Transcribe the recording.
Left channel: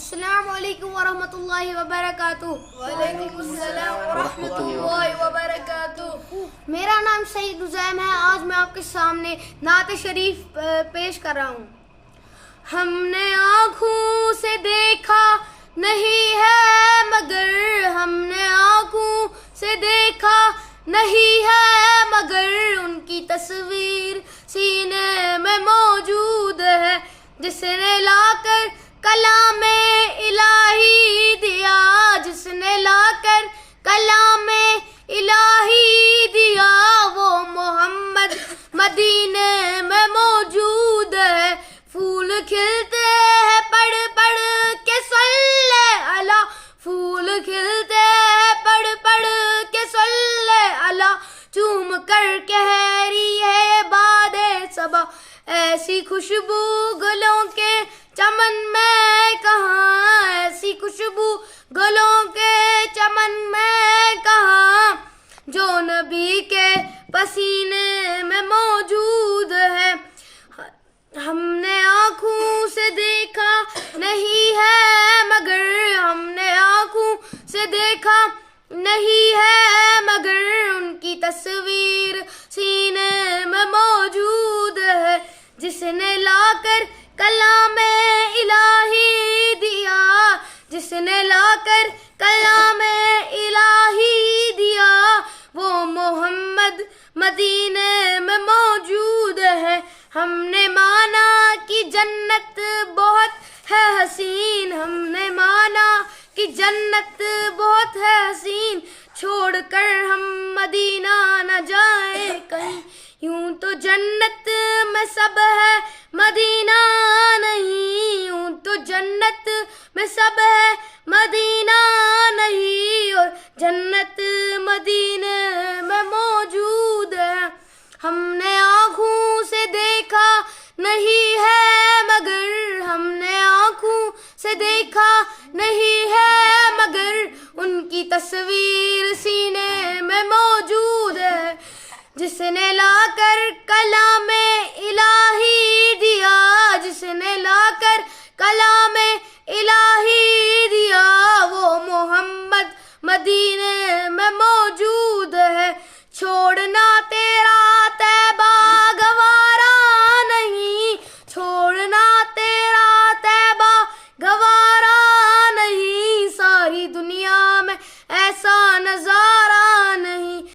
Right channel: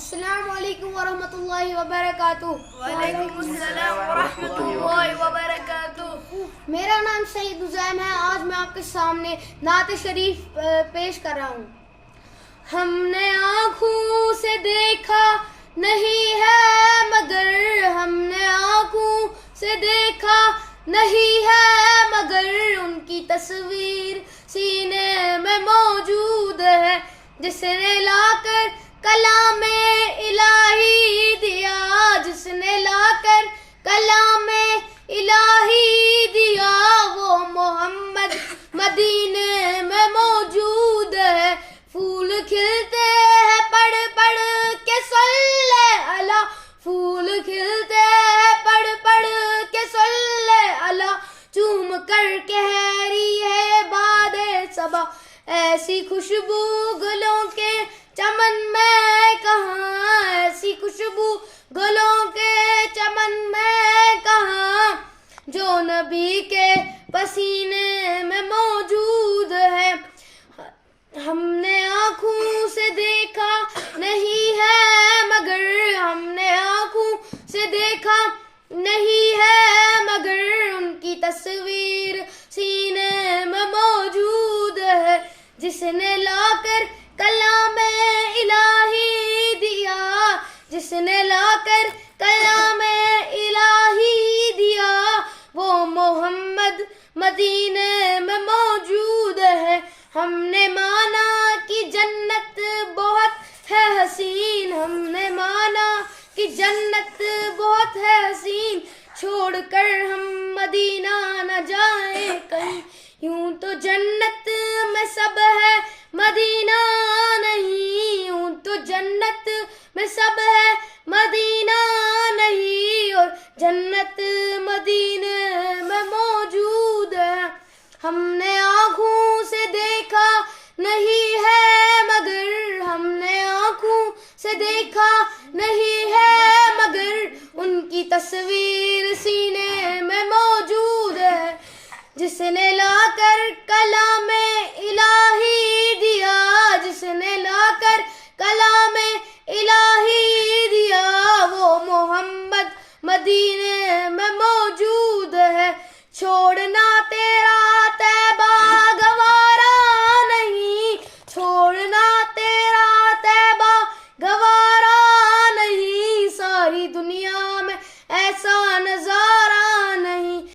السلام علیکم ورحمۃ اللہ وبرکاتہ۔ وعلیکم السلام ورحمۃ اللہ وبرکاتہ۔ میرا نام سعید عزیم ہے۔ آج میں آپ کے سامنے نعت شریف پیش کر رہا ہوں۔ ہم نے آنکھوں سے دیکھا نہیں ہے مگر، ہم نے آنکھوں سے دیکھا نہیں ہے مگر، ان کی تصویر سینے میں موجود ہے، جس نے لا کر کلام الہی دیا، جس نے لا کر کلام الہی دیا، وہ محمد مدینے میں موجود ہے۔ پھول کھلتے ہیں پڑھ پڑھ کے صلی علی، پھول کھلتے ہیں پڑھ پڑھ کے صلی علی، چوم کر کہہ رہی ہے باد صبا، ایسی خوشبو گلوں کے چمن میں کہاں، ایسی خوشبو گلوں کے چمن میں کہاں، جو نبی کے پسینے میں موجود ہے۔ ہم نے آنکھوں سے دیکھا نہیں ہے مگر، ہم نے آنکھوں سے دیکھا نہیں ہے مگر، ان کی تصویر سینے میں موجود ہے، جس نے لا کر کلام الہی دیا، جس نے لا کر کلام الہی دیا، وہ محمد مدینے میں موجود ہے۔ ہم نے مانا کہ جنت بہت ہے حسین، ہم نے مانا کہ جنت بہت ہے حسین، چھوڑ کر ہم مدینہ نہ جائیں کہیں، یوں تو جنت میں سب ہے مدینہ نہیں، یوں تو جنت میں سب ہے مدینہ نہیں، اور جنت مدینے میں موجود ہے۔ ہم نے آنکھوں سے دیکھا نہیں ہے مگر، ہم نے آنکھوں سے دیکھا نہیں ہے مگر، ان کی تصویر سینے میں موجود ہے، جس نے لا کر کلام